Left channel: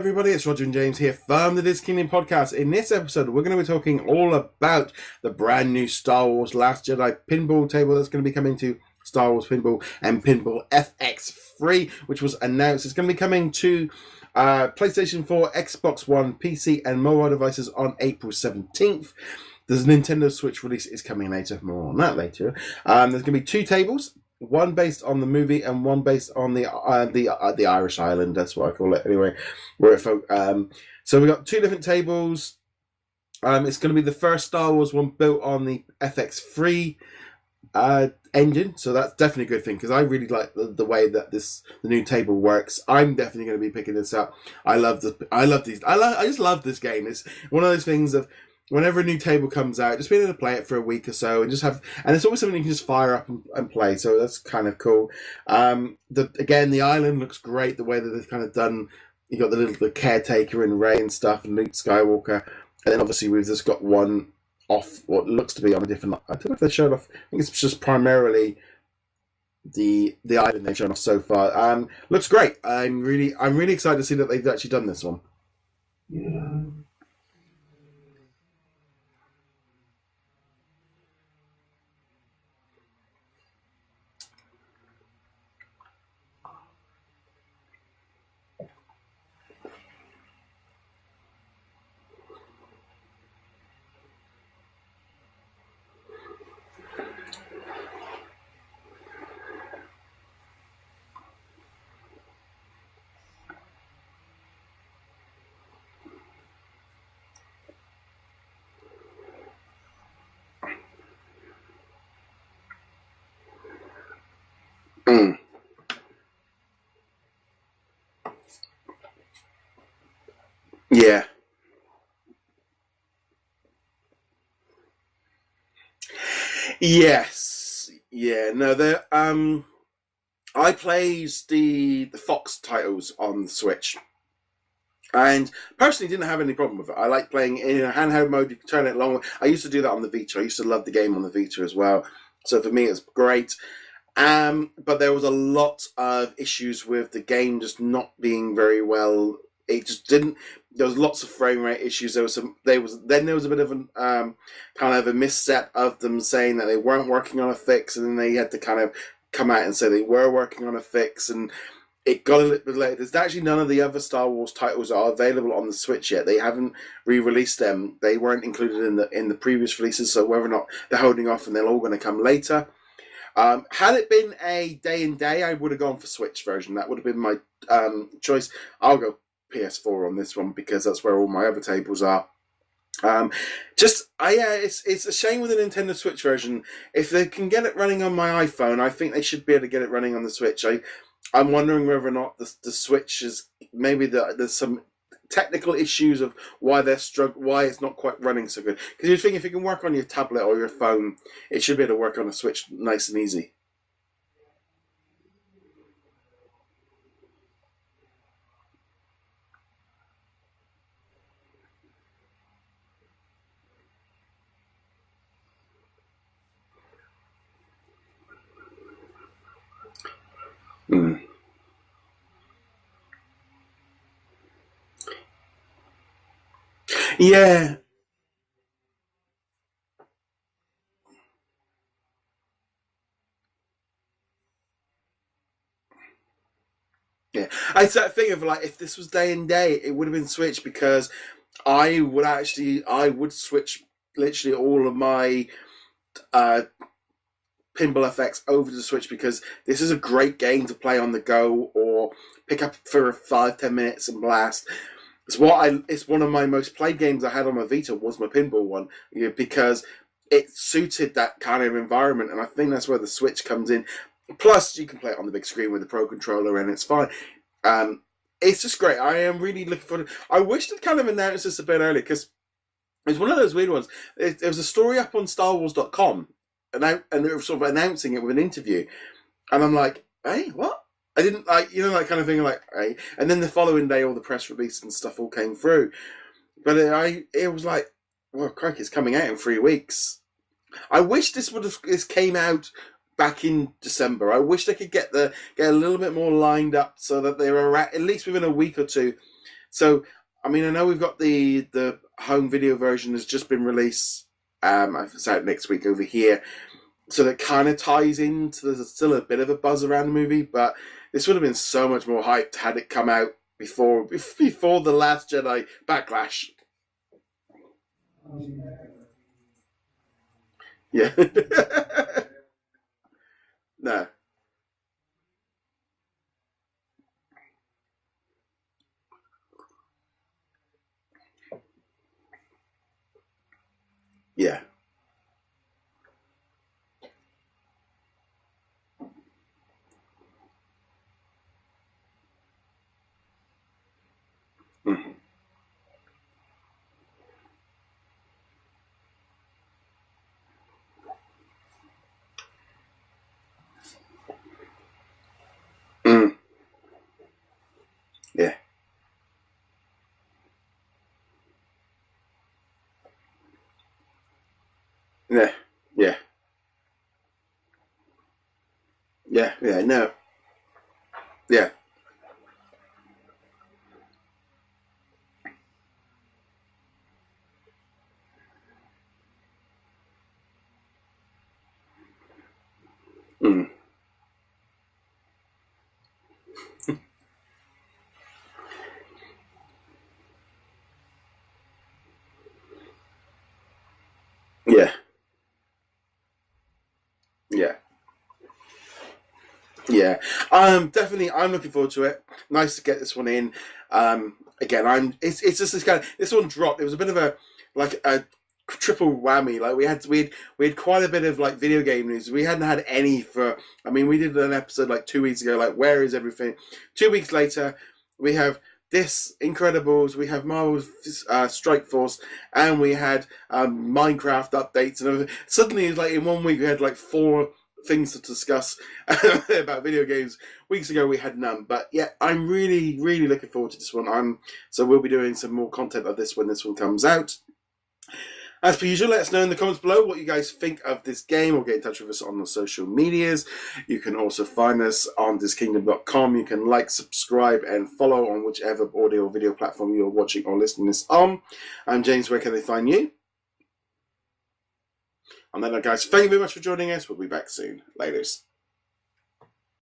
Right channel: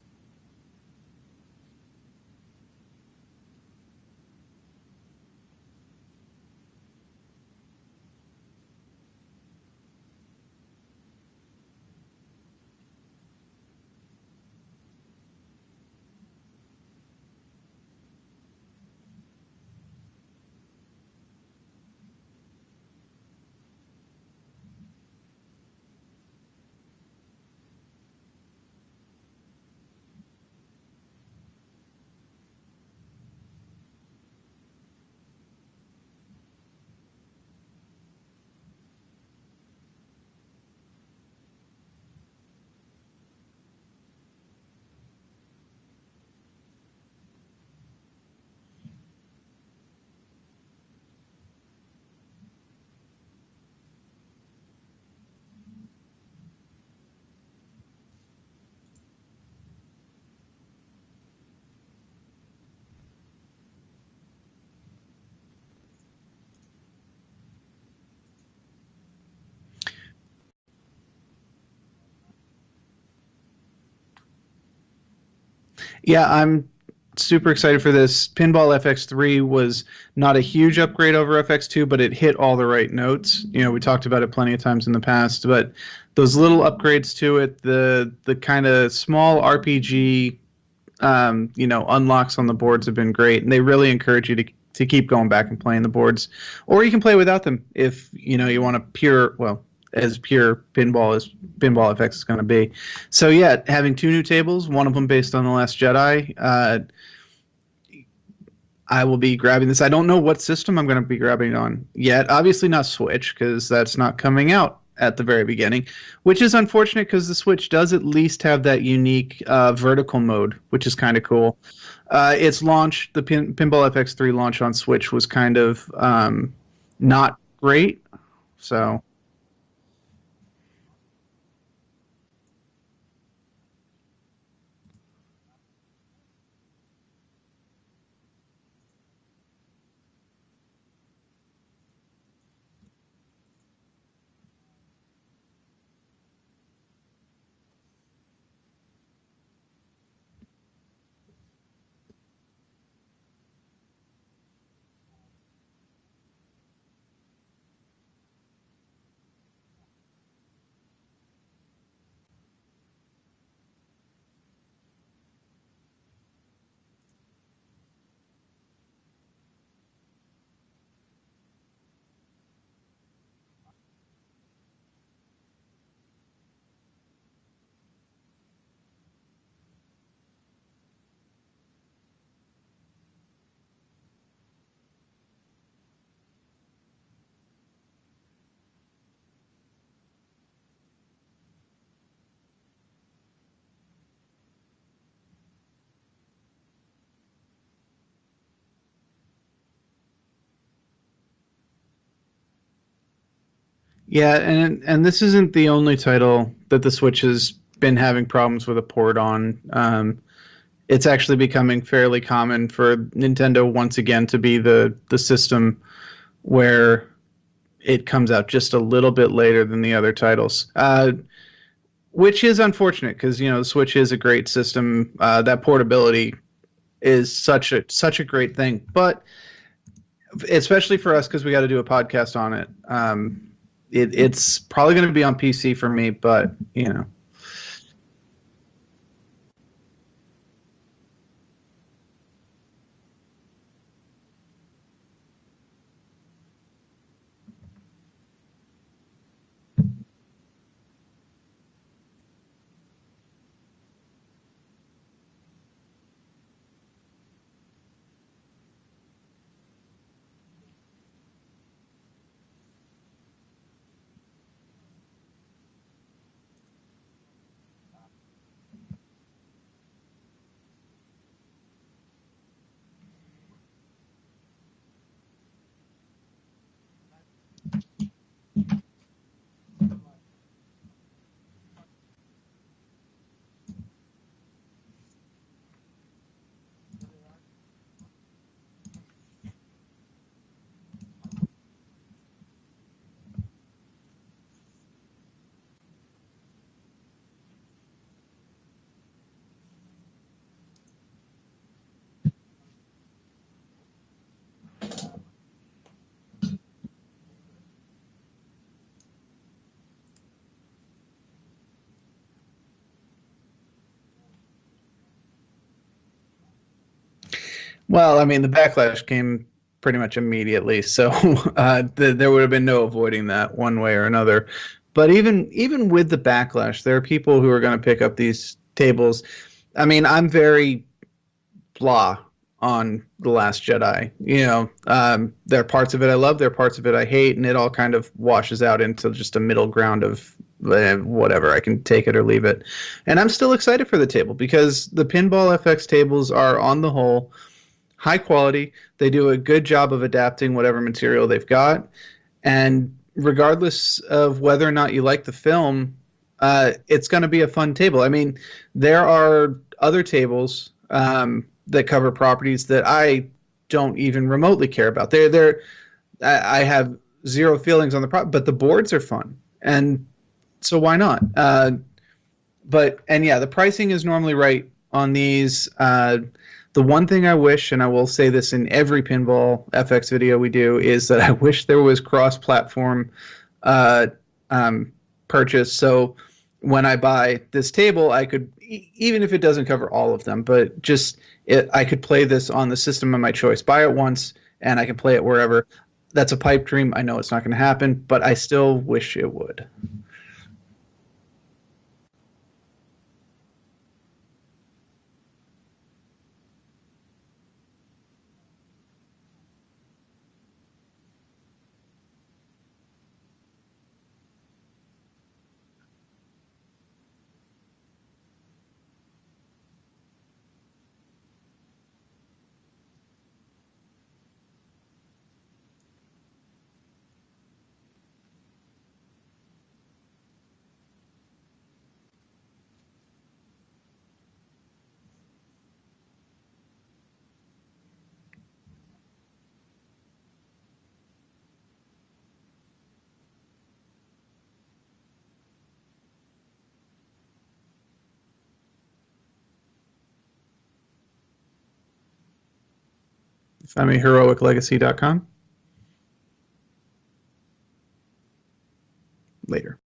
Everybody, it's Roger and James here from the DisKingdom Podcast. In this episode, we're going to be talking all about the brand new Star Wars Last Jedi pinball table that's going to be coming to Star Wars Pinball and Pinball FX free, which was announced. It's going to be coming to PlayStation 4, Xbox One, PC, and mobile devices on April 17th. The Nintendo Switch release is coming later. More on that later. There's going to be two tables. One based on the movie and one based on the Irish Island. That's what I call it anyway. So we got two different tables. It's going to be the first Star Wars one built on the FX3 engine, so that's definitely a good thing because I really like the way that the new table works. I'm definitely going to be picking this up. I just love this game. It's one of those things of, whenever a new table comes out, just being able to play it for a week or so and it's always something you can just fire up and play, so that's kind of cool. The island looks great, the way that they've kind of done. You got the caretaker and Rey and stuff and Luke Skywalker, and then obviously we've just got one off what looks to be on a different, I don't know if they showed off, I think it's just primarily the island they've shown off so far. Looks great. I'm really excited to see that they've actually done this one. Yeah, I'm super excited for this. Pinball FX3 was not a huge upgrade over FX2, but it hit all the right notes. You know, we talked about it plenty of times in the past, but those little upgrades to it, the kind of small RPG, unlocks on the boards have been great, and they really encourage you to keep going back and playing the boards, or you can play without them if you want as pure pinball as Pinball FX is going to be. So yeah, having two new tables, one of them based on The Last Jedi. I will be grabbing this. I don't know what system I'm going to be grabbing it on yet. Obviously not Switch, because that's not coming out at the very beginning, which is unfortunate because the Switch does at least have that unique vertical mode, which is kind of cool. Its launch, the Pinball FX3 launch on Switch was kind of not great. Yeah, no, so. I played the Fox titles on the Switch, and personally didn't have any problem with it. I like playing in a handheld mode. You can turn it long. I used to do that on the Vita. I used to love the game on the Vita as well. So for me, it's great. But there was a lot of issues with the game just not being very well. It just didn't. There was lots of frame rate issues. There was a bit of an kind of a misstep of them saying that they weren't working on a fix, and then they had to kind of come out and say they were working on a fix, and it got a little bit late. There's actually none of the other Star Wars titles that are available on the Switch yet. They haven't re-released them. They weren't included in the previous releases, so whether or not they're holding off and they're all going to come later. Had it been a day and day, I would have gone for Switch version. That would have been my choice. I'll go PS4 on this one because that's where all my other tables are. It's a shame with the Nintendo Switch version. If they can get it running on my iPhone, I think they should be able to get it running on the Switch. I'm wondering whether or not the Switch is maybe there's some technical issues of why why it's not quite running so good. Because you think if it can work on your tablet or your phone, it should be able to work on a Switch nice and easy. Yeah, and this isn't the only title that the Switch has been having problems with a port on. It's actually becoming fairly common for Nintendo once again to be the system where it comes out just a little bit later than the other titles, which is unfortunate because the Switch is a great system. That portability is such a great thing, but especially for us because we got to do a podcast on it. It's probably going to be on PC for me, but Yeah, I think of if this was day and day, it would have been Switch because I would switch literally all of my Pinball FX over to the Switch because this is a great game to play on the go or pick up for 5-10 minutes and blast. It's one of my most played games I had on my Vita was my pinball one because it suited that kind of environment, and I think that's where the Switch comes in. Plus, you can play it on the big screen with the Pro Controller, and it's fine. It's just great. I am really looking forward. I wish they'd kind of announced this a bit earlier because it's one of those weird ones. There was a story up on StarWars.com, and they were sort of announcing it with an interview, and I'm like, hey, what? I didn't that kind of thing. Like, hey, and then the following day, all the press release and stuff all came through, but it was like, well, crikey, it's coming out in 3 weeks. I wish this came out back in December. I wish they could get a little bit more lined up so that they were at least within a week or two So, I mean, I know we've got the home video version has just been released. It's out next week over here. So that kind of ties into, there's still a bit of a buzz around the movie, but this would have been so much more hyped had it come out before the Last Jedi backlash. Well, I mean, the backlash came pretty much immediately, so there would have been no avoiding that one way or another. But even with the backlash, there are people who are going to pick up these tables. I mean, I'm very blah on The Last Jedi. You know, there are parts of it I love, there are parts of it I hate, and it all kind of washes out into just a middle ground of whatever. I can take it or leave it. And I'm still excited for the table because the Pinball FX tables are, on the whole, high quality. They do a good job of adapting whatever material they've got. And regardless of whether or not you like the film, it's going to be a fun table. I mean, there are other tables that cover properties that I don't even remotely care about. I have zero feelings on the property, but the boards are fun. So why not? The pricing is normally right on these. The one thing I wish, and I will say this in every Pinball FX video we do, is that I wish there was cross-platform purchase. So when I buy this table, I could, even if it doesn't cover all of them, but I could play this on the system of my choice. Buy it once, and I can play it wherever. That's a pipe dream. I know it's not going to happen, but I still wish it would. Yeah, definitely. I'm looking forward to it. Nice to get this one in. Again, it's just this one dropped. It was a bit of a triple whammy. Like we had quite a bit of like video game news. We hadn't had any for. I mean, we did an episode like 2 weeks ago. Like, where is everything? 2 weeks later, we have this Incredibles. We have Marvel's Strike Force, and we had Minecraft updates and everything. Suddenly, like in 1 week, we had like 4 things to discuss about video games. Weeks ago we had none, but yeah, I'm really, really looking forward to this one. So we'll be doing some more content of this when this one comes out. As per usual, let us know in the comments below what you guys think of this game, or get in touch with us on the social medias. You can also find us on DisKingdom.com. You can like, subscribe, and follow on whichever audio or video platform you're watching or listening to this on. I'm James. Where can they find you? Find me heroiclegacy.com. On that note, guys, thank you very much for joining us. We'll be back soon. Later.